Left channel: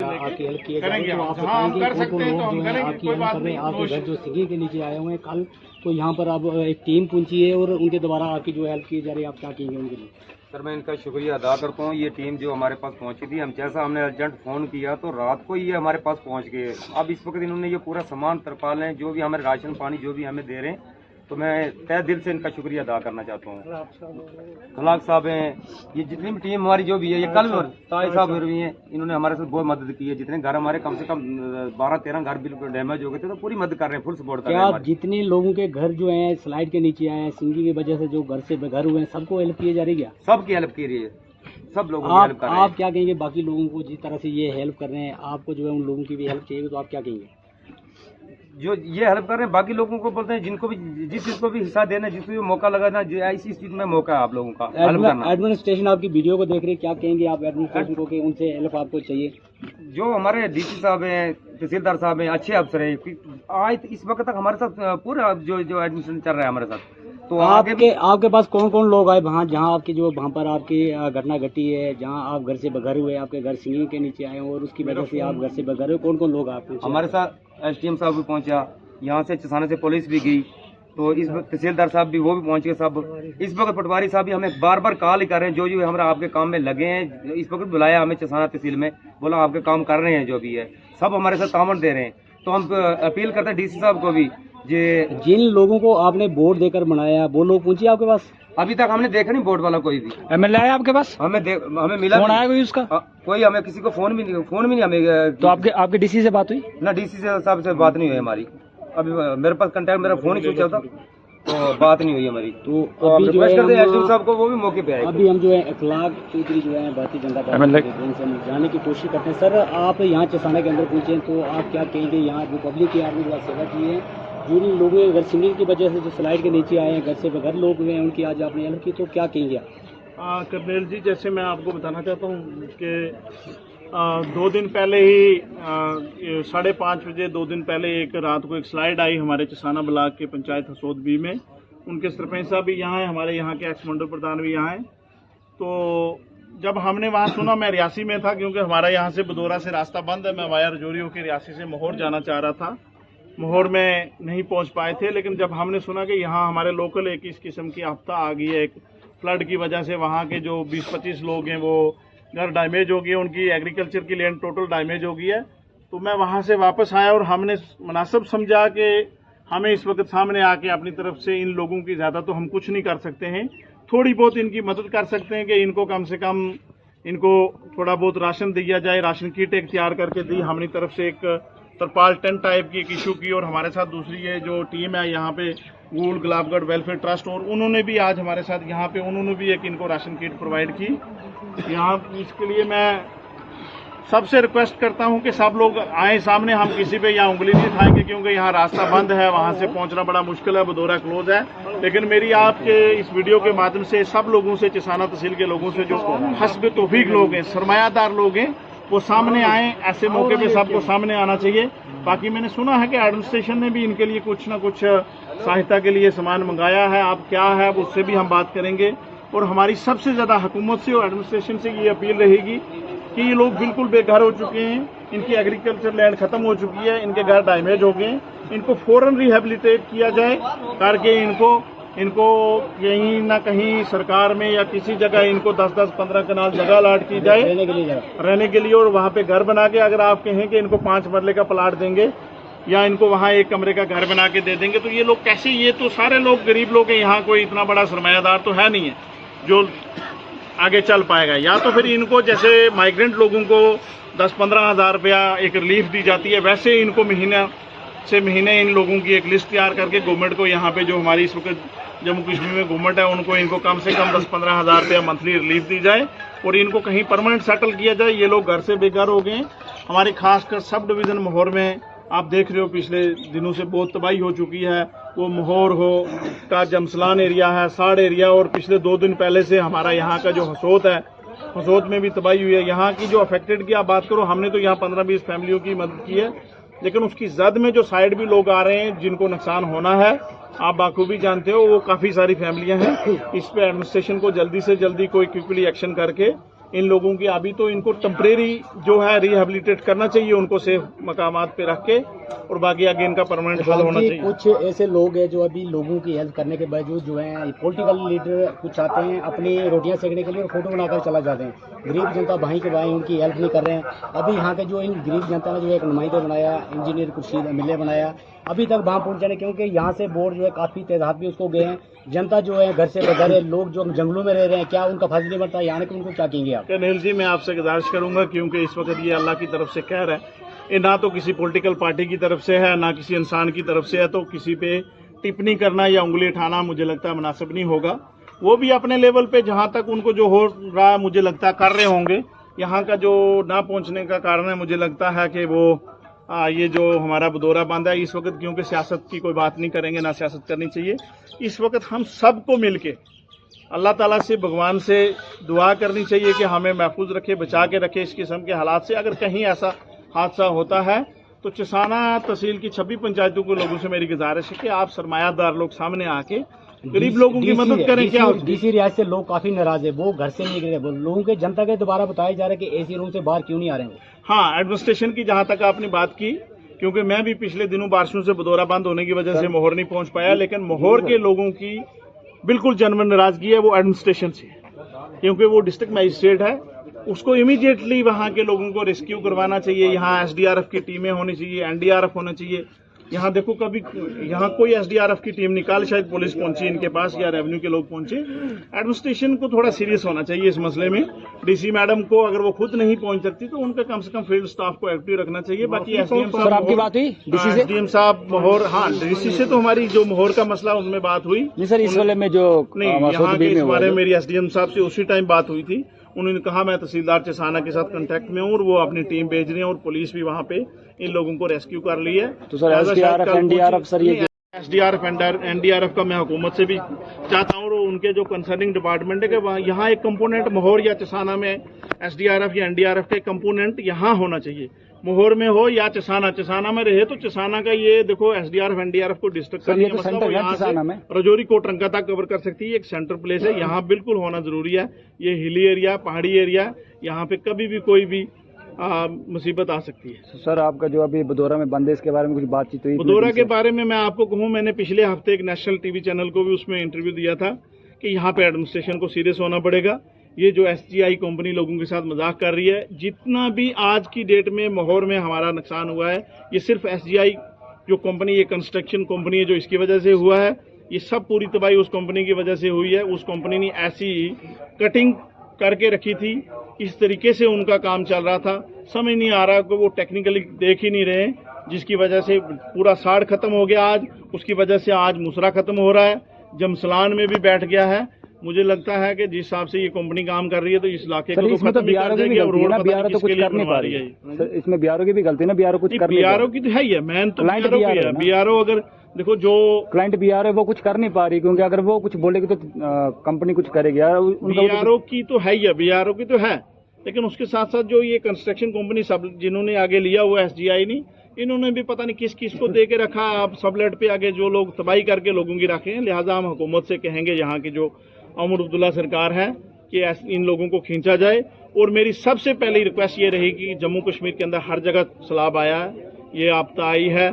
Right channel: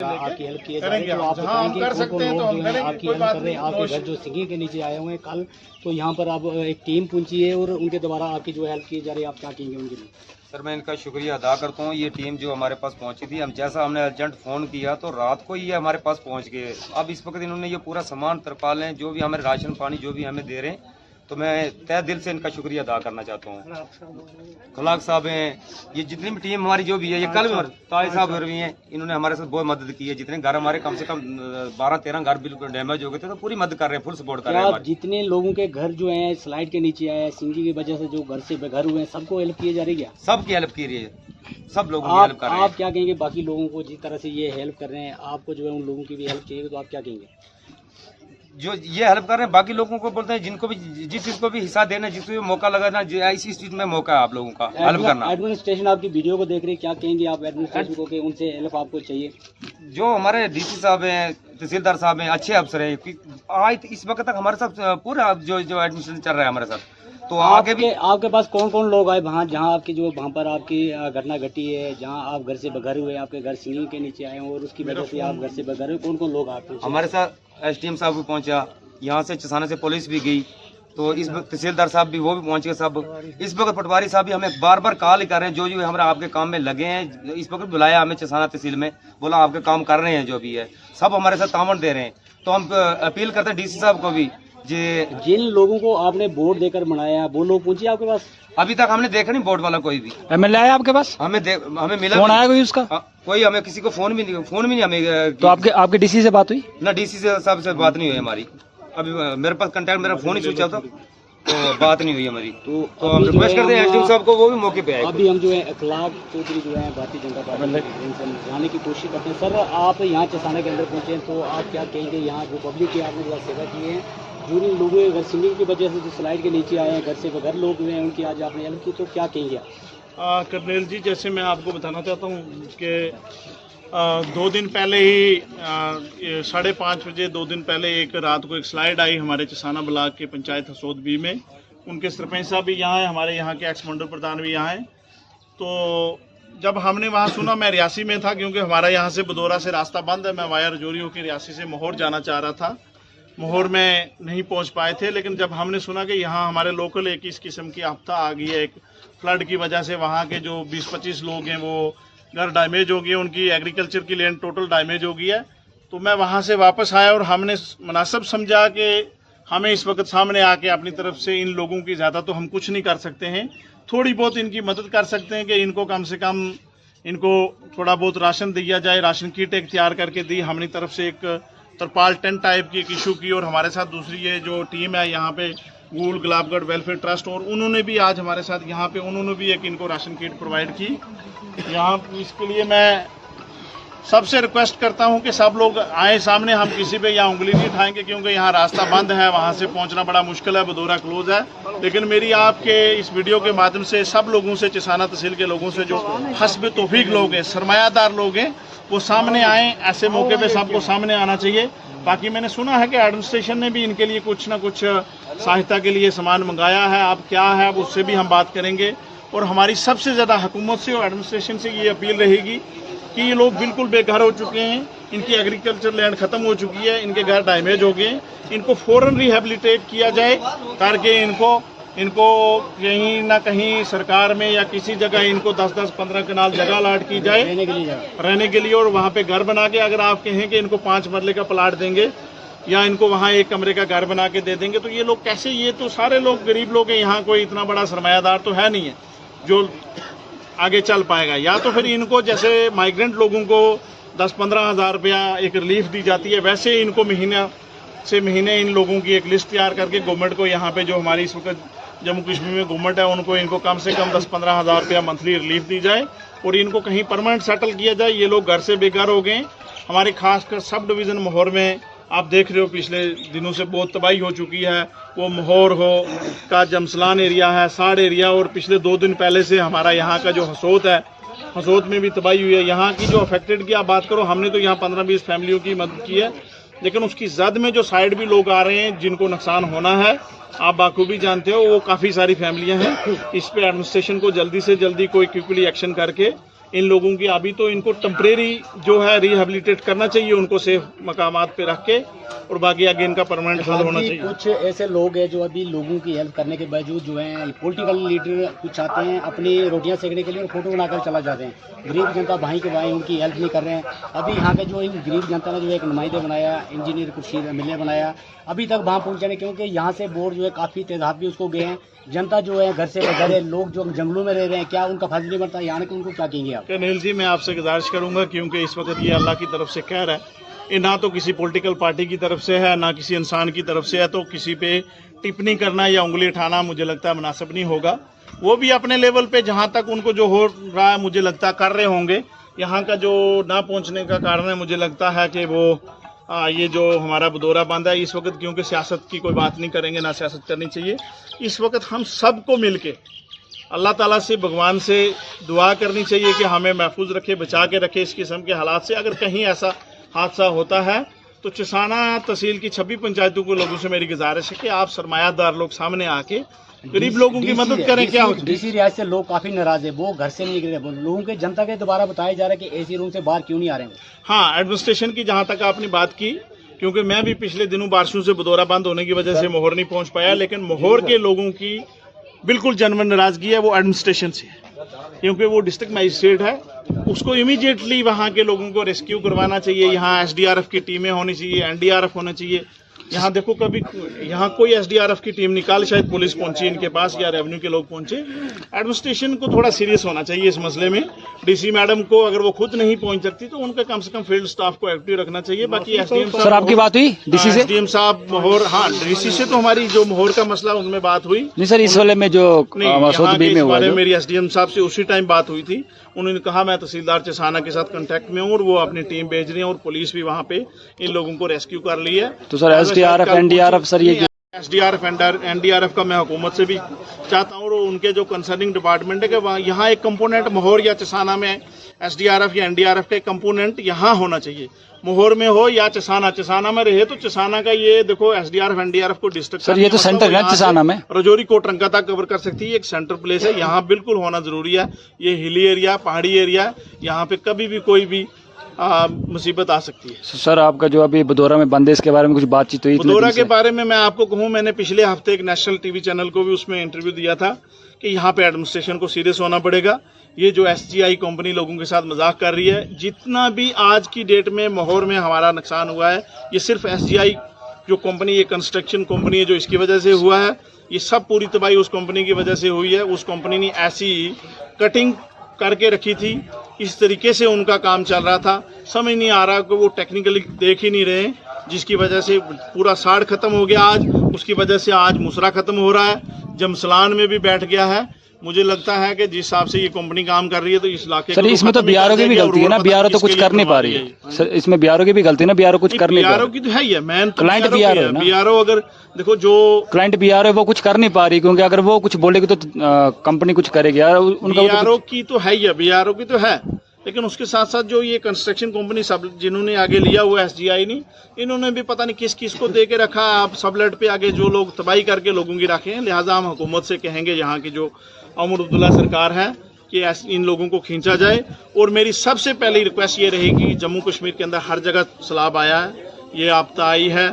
आपकी हेल्प किए जा रहे हैं, तो आप बताएंगे कौन कौन लोग जो हैं आपकी हेल्प कर रहे हैं। आपके घर जो सिंगिंग के नीचे आए हुए हैं कल, तो यहाँ पर अब एक टीम पहुंची है और उनके द्वारा आपकी जो हेल्प की जा रही है, आप क्या कहेंगे उनके लिए? सर मैं इनका शुक्रिया अदा करता हूँ। ये टीम जो हमारे पास पहुंची थी, हम जैसा हमने अर्जेंट फ़ोन किया तो रात को ये हमारे पास पहुंच गए। अब इस वक्त इन्होंने ये पूरा सामान तरपालें जो भी हमें राशन पानी जो भी हमें दे रहे हैं, तो मैं तहे दिल से इनका शुक्रिया अदा करना चाहता हूँ। खलाक साहब हैं, ये जितनी भी टीम हमारी जो भी है, ये कल भी ताज साहब भी हैं, इन्होंने हमारे साथ बहुत मदद की है। जितने घर हमारे कम से कम 12-13 घर बिल्कुल डैमेज हो गए थे, तो पूरी मदद कर रहे हैं, फुल सपोर्ट कर रहे हैं। जितने लोगों के घर जो है स्लाइड के नीचे आए हैं सिंगिंग की वजह से, जो घर से बेघर हुए हैं, सबको हेल्प की जा रही है? सबकी हेल्प की रही है, सब लोगों की हेल्प कर रहे हैं। आप क्या कहेंगे बाकी लोगों को जिस तरह से ये हेल्प कर रहे हैं, आपको जो है उन लोगों की भी हेल्प चाहिए, तो आप क्या कहेंगे? जो ये हेल्प कर रहे हैं बाकी लोगों को बोलते हैं, जिनको भी जिस चीज़ को भी हिस्सा देना, जिसको भी मौका लगाना, इसी चीज़ में मौका है आप लोगों का हेल्प करना। एडमिनिस्ट्रेशन आपकी वीडियो को देख रही है, क्या कहेंगे आप एडमिनिस्ट्रेशन को कि उनसे हेल्प आपको चाहिए? जो हमारे डीसी साहब हैं, तहसीलदार साहब हैं, अच्छे अफसर हैं, आज इस वक्त तक हमारे साथ पूरा जो एडमिनिस्ट्रेशन चल रहा है हमारे साथ, तो आगे भी। आपके पास कौन कौन लोग आए वहाँ जहाँ आपकी जो वहाँ पर आपकी घटना घटी है, जहाँ आप घर से बेघर हुए, आपके घर सिंगिंग के नीचे आए और उसकी वजह से आप घर से बेघर हुए, कौन कौन लोग आप? हमारे साथ SDM साहब भी पहुँचा, यहाँ से चसाना से पुलिस भी गई, तो इस वक्त तहसीलदार साहब भी वो भी पहुँच गए सब। इस वक्त पटवारी साहब भी हमें बार बार कॉल ही कर रहे हैं, जो हमारे आपके काम में लगे हैं। इस वक्त बुलाया हमें चसाना तहसील में, बोला आपके काम कर रहे हैं, जो भी है सब हमारे साथ तामन दे रहे हैं। तो हम अपील करते हैं DC साहब को भी, जिन लोगों को आपने वोट देकर बनाया है वो लोग पहुंचे आपके पास? अभी तक हमने देखा नहीं बोर्ड वाला कोई भी। MLA आया आपके पास? हमें मिला फोन आया कोई उसका? कोई हमें किसी को फोन भी नहीं हमें। तो आपके DC से बात हुई? ना DC साहब से बात नहीं हुई हमारी। अभी मेरे पास कंटेक्ट, मेरा फोन ही स्विच ऑफ था, तो बात नहीं हुई हमारी। तो हम रिक्वेस्ट करते हैं SDM साहब को, वो भी मौके पे आए। अभी हम जो है अखलाक चौधरी जो है भारतीय जनता पार्टी जाने की कोशिश करते हैं। सर आप यहाँ चसाना के अंदर पहुँचे, तो आप क्या कहेंगे यहाँ जो पब्लिक की आपने बड़ा सेवा की है, जिन लोगों के घर सिंगिंग की वजह से जो स्लाइड के नीचे आए हैं, घर से बेघर लोग हुए हैं, उनकी आज आपने हेल्प की, तो क्या कहेंगे आप? कर्नल जी, जैसे मैं आपको बताना चाहता हूँ कि 2 दिन पहले ही 5:30 बजे 2 दिन पहले एक रात को एक स्लाइड आई हमारे चसाना ब्लॉक के पंचायत हसोद बी में। उनके सरपंच साहब भी यहाँ हैं, हमारे यहाँ के एक्स मंडल प्रधान भी यहाँ हैं। तो जब हमने वहाँ सुना, मैं रियासी में था, क्योंकि हमारा यहाँ से बदौरा से रास्ता बंद है। मैं वाया रजौरी होकर रियासी से मोहर जाना चाह रहा था, मोहर में नहीं पहुँच पाए थे। लेकिन जब हमने सुना कि यहाँ हमारे लोकल एक इस किस्म की आफ्ता आ गई है, एक फ्लड की वजह से वहाँ के जो 20-25 लोग हैं वो घर डैमेज हो गए, उनकी एग्रीकल्चर की लैंड टोटल डैमेज हो गई है। तो मैं वहाँ से वापस आया और हमने मुनासिब समझा कि हमें इस वक्त सामने आके अपनी तरफ से इन लोगों की ज़्यादा तो हम कुछ नहीं कर सकते हैं, थोड़ी बहुत इनकी मदद कर सकते हैं कि इनको कम से कम इनको थोड़ा बहुत राशन दिया जाए। राशन किट एक तैयार करके दी हमने तरफ से, एक तरपाल टेंट टाइप की एक इशू की। और हमारे साथ दूसरी ये जो टीम है यहाँ पे गूल गुलाबगढ़ वेलफेयर ट्रस्ट, और उन्होंने भी आज हमारे साथ यहाँ पे उन्होंने भी एक इनको राशन किट प्रोवाइड की यहाँ। इसके लिए मैं सबसे रिक्वेस्ट करता हूँ कि सब लोग आए सामने, हम किसी पे यहाँ उंगली नहीं उठाएंगे, क्योंकि यहाँ रास्ता बंद है, वहाँ से पहुँचना बड़ा मुश्किल है, बदौरा क्लोज है। लेकिन मेरी आपके इस वीडियो के माध्यम से सब लोगों से, चसाना तहसील के लोगों से, जो हस्ब तौफीक लोग हैं, सरमायादार लोग हैं, वो सामने आए। ऐसे मौके पे सबको सामने आना चाहिए। बाकी मैंने सुना है कि एडमिनिस्ट्रेशन ने भी इनके लिए कुछ ना कुछ सहायता के लिए सामान मंगाया है। अब क्या है अब उससे भी हम बात करेंगे। और हमारी सबसे ज़्यादा हुकूमत से और एडमिनिस्ट्रेशन से ये अपील रहेगी कि ये लोग बिल्कुल बेघर हो चुके हैं, इनकी एग्रीकल्चर लैंड ख़त्म हो चुकी है, इनके घर डैमेज हो गए, इनको फ़ौरन रिहेबिलिटेट किया जाए, ताकि इनको कहीं ना कहीं सरकार में या किसी जगह इनको 10-10, 15 कनाल जगह अलाट की जाए रहने के लिए, और वहाँ पे घर बना के, अगर आप कहें कि इनको 5 मरले का प्लाट देंगे या इनको वहाँ 1 कमरे का घर बना के दे देंगे, तो ये लोग कैसे, ये तो सारे लोग गरीब लोग हैं, यहाँ कोई इतना बड़ा सरमायादार तो है नहीं है जो आगे चल पाएगा। या तो फिर इनको जैसे माइग्रेंट लोगों को 10-15 हज़ार रुपया एक रिलीफ दी जाती है, वैसे इनको महीना से महीने इन लोगों की एक लिस्ट तैयार करके गवर्नमेंट को, यहाँ पे जो हमारी इस वक्त जम्मू कश्मीर में गवर्नमेंट है, उनको इनको कम से कम 10-15 हज़ार रुपया मंथली रिलीफ दी जाए और इनको कहीं परमानेंट सेटल किया जाए। ये लोग घर से बेघर हो गए। हमारे खासकर सब डिवीज़न मोहर में आप देख रहे हो पिछले दिनों से बहुत तबाही हो चुकी है। वो मोहर हो का जमसलान एरिया है, साड़ एरिया, और पिछले 2 दिन पहले से हमारा यहाँ का जो हसोद है, हसोद में भी तबाही हुई है। यहाँ की जो अफेक्टेड की आप बात करो, हमने तो यहाँ 15-20 फैमिलियों की मदद की है, लेकिन उसकी जद में जो साइड भी लोग आ रहे हैं जिनको नुकसान होना है, आप बाखूबी जानते हो, वो काफ़ी सारी फैमिलियाँ हैं। इस पर एडमिनिस्ट्रेशन को जल्दी से जल्दी कोई क्विकली एक्शन करके इन लोगों की अभी तो इनको टेम्परेरी जो है रिहेबिलिटेट करना चाहिए, उनको सेफ मकामात पे रख के, और बाकी आगे इनका परमानेंट हल होना चाहिए। कुछ ऐसे लोग हैं जो अभी लोगों की हेल्प करने के बावजूद जो है पॉलिटिकल लीडर कुछ आते हैं अपनी रोटियां सेकने के लिए और फोटो बनाकर चला जाते हैं, गरीब जनता भाई के भाई उनकी हेल्प नहीं कर रहे हैं। अभी यहाँ के जो इन गरीब जनता ने जो एक नुमाइंदे बनाया, इंजीनियर खुर्शीद मिले बनाया, अभी तक वहाँ पहुँचाने, क्योंकि यहाँ से बोर्ड जो है काफ़ी तादाद भी उसको गए हैं। जनता जो है घर से बगैर लोग जो जंगलों में रह रहे हैं, क्या उनका फर्ज नहीं बनता यहाँ के, उनको क्या कहेंगे आप? अनिल जी, मैं आपसे गुजारिश करूंगा, क्योंकि इस वक्त ये अल्लाह की तरफ से कहर है, ये ना तो किसी पॉलिटिकल पार्टी की तरफ से है ना किसी इंसान की तरफ से है, तो किसी पे टिप्पणी करना या उंगली उठाना मुझे लगता है मुनासिब नहीं होगा। वो भी अपने लेवल पे जहाँ तक उनको जो हो रहा है मुझे लगता है कर रहे होंगे। यहाँ का जो ना पहुँचने का कारण है मुझे लगता है कि वो ये जो हमारा बदौरा बांधा है इस वक्त, क्योंकि सियासत की कोई बात नहीं करेंगे, ना सियासत करनी चाहिए। इस वक्त हम सबको मिलके अल्लाह ताला से, भगवान से दुआ करनी चाहिए कि हमें महफूज रखे, बचा के रखे इस किस्म के हालात से। अगर कहीं ऐसा हादसा होता है तो चिसाना तहसील की 26 पंचायतों के लोगों से मेरी गुजारिश है कि आप सरमायादार लोग सामने आके गरीब लोगों की मदद करें। क्या डीसी रियासत से लोग काफी नाराज है, वो घर से नहीं निकल रहे, लोगों के जनता के दोबारा बताया जा रहा है कि एसी रूम से बाहर क्यों नहीं आ रहे हैं। हाँ, एडमिनिस्ट्रेशन की जहाँ तक आपने बात की, क्योंकि मैं भी पिछले दिनों बारिशों से बदौरा बंद होने की वजह से मोहर नहीं पहुंच पाया, लेकिन मोहर के लोगों की बिल्कुल जनमन नाराजगी है वो एडमिनिस्ट्रेशन से, क्योंकि वो डिस्ट्रिक्ट मजिस्ट्रेट है, उसको इमीडिएटली वहाँ के लोगों को रेस्क्यू करवाना चाहिए। यहाँ SDRF की टीमें होनी चाहिए, NDRF होना चाहिए। यहाँ देखो, कभी यहाँ कोई SDRF की टीम निकाल, शायद पुलिस पहुंची इनके पास या रेवेन्यू के लोग पहुंचे। एडमिनिस्ट्रेशन को थोड़ा सीरियस होना चाहिए इस मसले में। डीसी मैडम को अगर वो खुद नहीं पहुंच सकती तो उनका कम से कम फील्ड स्टाफ को एक्टिव रखना चाहिए। बाकी SDM साहब, सर आपकी बात हुई डीसी से? SDM साहब मोहर, हाँ डीसी से तो हमारी जो मोहर का मसला उनमें बात हुई नहीं सर, इस वाले में जो इस बारे में मेरी SDM साहब से उसी टाइम बात हुई थी। उन्होंने कहा मैं तहसीलदार चसाना के साथ कांटेक्ट में हूँ और वो अपनी टीम भेज रही है और पुलिस भी वहाँ पे इन लोगों को रेस्क्यू कर ली है। तो सर SDRF NDRF सर ये SDRF NDRF का मैं हुकूमत से भी चाहता हूँ और उनके जो कंसर्निंग डिपार्टमेंट है कि यहाँ एक कंपोनेंट मोहर या चसाना में SDRF या NDRF के कंपोनेंट यहाँ होना चाहिए। मोहर में हो या चसाना में रहे तो चसाना का ये देखो SDRF NDRF को डिस्ट्रिक्ट सर ये तो सेंटर है चसाना में, रजौरी कोटरंका तक कवर कर सकती है, एक सेंटर प्लेस है, यहाँ बिल्कुल होना जरूरी है। ये हिली एरिया, पहाड़ी एरिया, यहाँ पे कभी भी कोई भी मुसीबत आ सकती है। सर आपका जो अभी बदौरा में बंद है इसके बारे में कुछ बातचीत हुई? बदौरा के बारे में मैं आपको कहूँ, मैंने पिछले हफ्ते एक नेशनल टीवी चैनल को भी उसमें इंटरव्यू दिया था कि यहाँ पे एडमिनिस्ट्रेशन को सीरियस होना पड़ेगा। ये जो SGI कंपनी लोगों के साथ मजाक कर रही है, जितना भी आज की डेट में मोहर में हमारा नुकसान हुआ है, ये सिर्फ SGI जो कंपनी, ये कंस्ट्रक्शन कंपनी है जो इसकी वजह से हुआ है। ये सब पूरी तबाही उस कंपनी की वजह से हुई है। उस कंपनी ने ऐसी कटिंग करके रखी थी, इस तरीके से उनका काम चल रहा था, समझ नहीं आ रहा कि वो टेक्निकली देख ही नहीं रहे, जिसकी वजह से पूरा साड़ खत्म हो गया आज। उसकी वजह से आज मुसरा खत्म हो रहा है, जमसलान में भी बैठ गया है। मुझे लगता है कि जिस हिसाब से ये कंपनी काम कर रही है तो इस इलाके सर इसमें तो BRO की भी गलती है ना, BRO तो कुछ कर नहीं पा रही है सर, इसमें BRO की भी गलती है ना, BRO कुछ कर नहीं पा रही। BRO की तो है ही है, मैन तो क्लाइंट BRO है ना। BRO अगर देखो जो क्लाइंट BRO है वो कुछ कर नहीं पा रही, क्योंकि अगर वो कुछ बोलेगी तो कंपनी कुछ करेगी यार। BRO की तो है ही है, BRO की तो है, लेकिन उसके साथ साथ जो ये कंस्ट्रक्शन कंपनी सब जिन्होंने आगे लिया हुआ SGI ने, इन्होंने भी पता नहीं किस किस को दे के रखा। आप सबलेट पे आगे जो लोग तबाही करके लोगों की रखे हैं, लिहाजा हम हुकूमत से कहेंगे यहाँ की जो उमर अब्दुल्ला सरकार है कि इन लोगों को खींचा जाए। और मेरी सबसे पहली रिक्वेस्ट ये रहेगी कि जम्मू कश्मीर के अंदर हर जगह सैलाब आया है, ये आपदा आई है,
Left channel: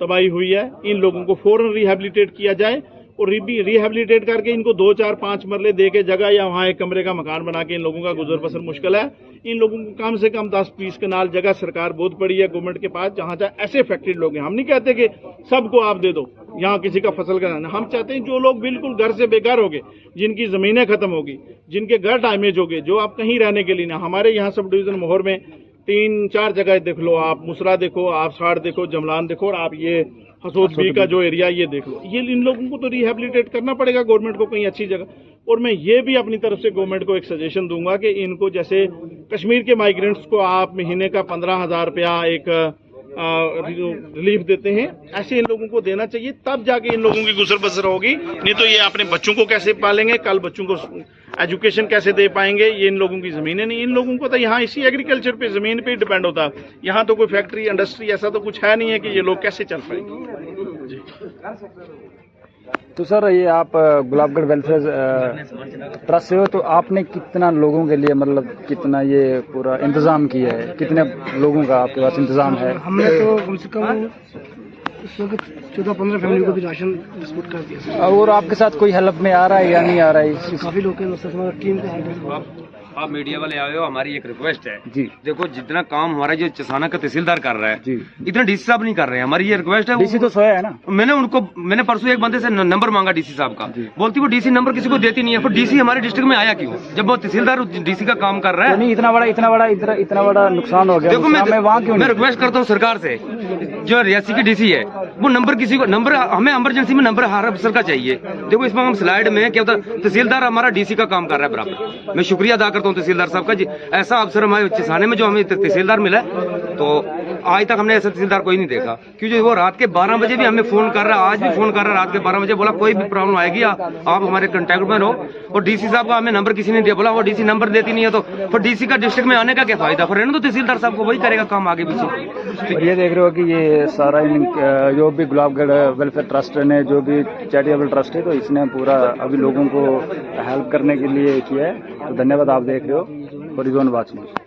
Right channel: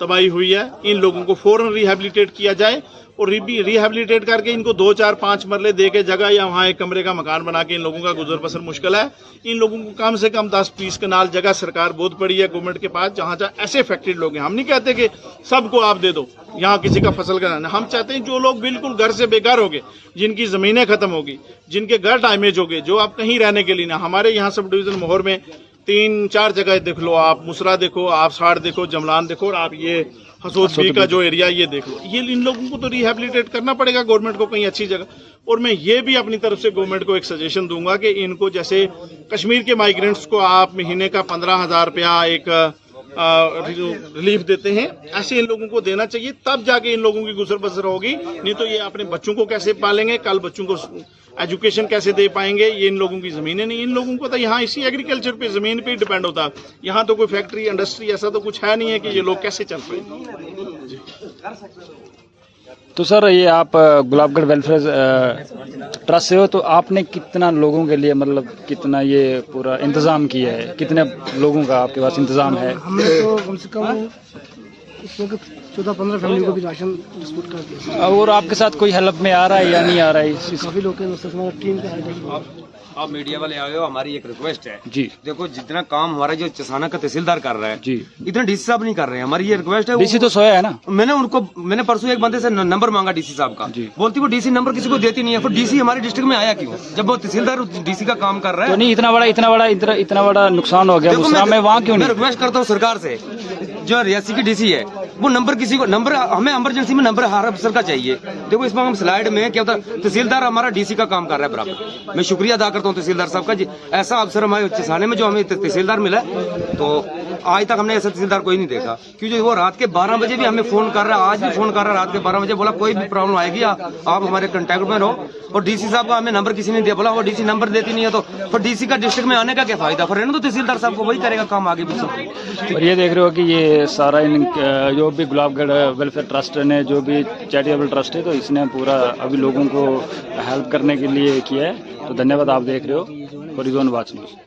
तबाही हुई है, इन लोगों को फौरन रिहेबिलिटेट किया जाए और रिहेबिलिटेट करके इनको 2, 4, 5 मरले दे के जगह या वहाँ एक कमरे का मकान बना के इन लोगों का गुजर बसर मुश्किल है। इन लोगों को कम से कम 10-20 कनाल जगह सरकार बहुत पड़ी है गवर्नमेंट के पास, जहाँ जहाँ ऐसे अफेक्टेड लोग हैं। हम नहीं कहते कि सबको आप दे दो, यहाँ किसी का फसल का, हम चाहते हैं जो लोग बिल्कुल घर से बेघर हो गए, जिनकी ज़मीनें खत्म हो गई, जिनके घर डैमेज हो गए, जो आप कहीं रहने के लिए ना। हमारे यहाँ सब डिवीज़न मोहर में 3-4 जगह देख लो, आप मुसरा देखो, आप साड़ देखो, जमलान देखो, और आप ये हसोद बी का जो एरिया ये देख लो। ये इन लोगों को तो रिहेबिलिटेट करना पड़ेगा गवर्नमेंट को कहीं अच्छी जगह। और मैं ये भी अपनी तरफ से गवर्नमेंट को एक सजेशन दूंगा कि इनको, जैसे कश्मीर के माइग्रेंट्स को आप महीने का 15,000 रुपया एक रिलीफ देते हैं, ऐसे इन लोगों को देना चाहिए, तब जाके इन लोगों की गुजर बसर होगी। नहीं तो ये अपने बच्चों को कैसे पालेंगे, कल बच्चों को एजुकेशन कैसे दे पाएंगे, ये इन लोगों की ज़मीनें नहीं। इन लोगों को तो यहाँ इसी एग्रीकल्चर पे, ज़मीन पे डिपेंड होता है। यहाँ तो कोई फैक्ट्री इंडस्ट्री ऐसा तो कुछ है नहीं है कि ये लोग कैसे चल पाएंगे। जी। तो सर ये आप गुलाबगढ़ वेलफेयर ट्रस्ट से हो, तो आपने कितना लोगों के लिए मतलब कितना ये पूरा इंतज़ाम किया है, कितने लोगों का आपके पास इंतज़ाम है? हमने तो कम से कम इस वक्त 14-15 फैमिली को भी राशन डिस्ट्रीब्यूट कर दिया। और आपके साथ कोई हेल्प में आ रहा है या नहीं आ रहा है? काफ़ी लोग हैं, दोस्तों हमारा टीम का है। आप मीडिया वाले आए हो, हमारी एक रिक्वेस्ट है जी। देखो जितना काम हमारा जो चसाना का तहसीलदार कर रहा है जी, इतना डीसी साहब नहीं कर रहे हैं। हमारी ये रिक्वेस्ट है। डीसी तो सोया है ना। मैंने परसों एक बंदे से नंबर मांगा डीसी साहब का, जी। बोलती वो डीसी नंबर किसी को देती नहीं है। फिर डीसी हमारे डिस्ट्रिक्ट में आया क्यों जब वो तहसीलदार डीसी का काम कर रहा तो है? नहीं इतना बड़ा नुकसान हो गया, देखो मैं वहाँ क्यों मैं नहीं? रिक्वेस्ट करता हूँ सरकार से, जो रियासी की डीसी है वो नंबर किसी को नंबर हमें इमरजेंसी में नंबर हर अफसर का चाहिए। देखो इसमें हम स्लाइड में क्या होता है, तहसीलदार हमारा डीसी का काम कर रहा है बराबर। मैं शुक्रिया अदा करता हूँ तहसीलदार साहब का, ऐसा अफसर हमारे चसाने में जो हमें तहसीलदार मिला है, तो आज तक हमने ऐसा तहसीलदार कोई नहीं देखा। क्योंकि वो रात के 12 बजे भी हमें फोन कर रहा है, आज भी फोन कर रहा है रात के 12 बजे, बोला कोई भी प्रॉब्लम आएगी आप हमारे कांटेक्ट में रहो। और डीसी साहब का हमें नंबर किसी ने दिया, बोला वो डीसी नंबर देती नहीं है, तो फिर डीसी का डिस्ट्रिक्ट में आने का क्या फायदा? फिर रहने तो तहसीलदार साहब को वही करेगा काम आगे पीछे। और ये देख रहे हो कि ये सारा जो भी गुलाबगढ़ वेलफेयर ट्रस्ट ने जो भी चैरिटेबल ट्रस्ट है, तो इसने पूरा अभी लोगों को हेल्प करने के लिए किया है। तो धन्यवाद। आप देख रहे हो हॉरिज़ॉन वॉच न्यूज़।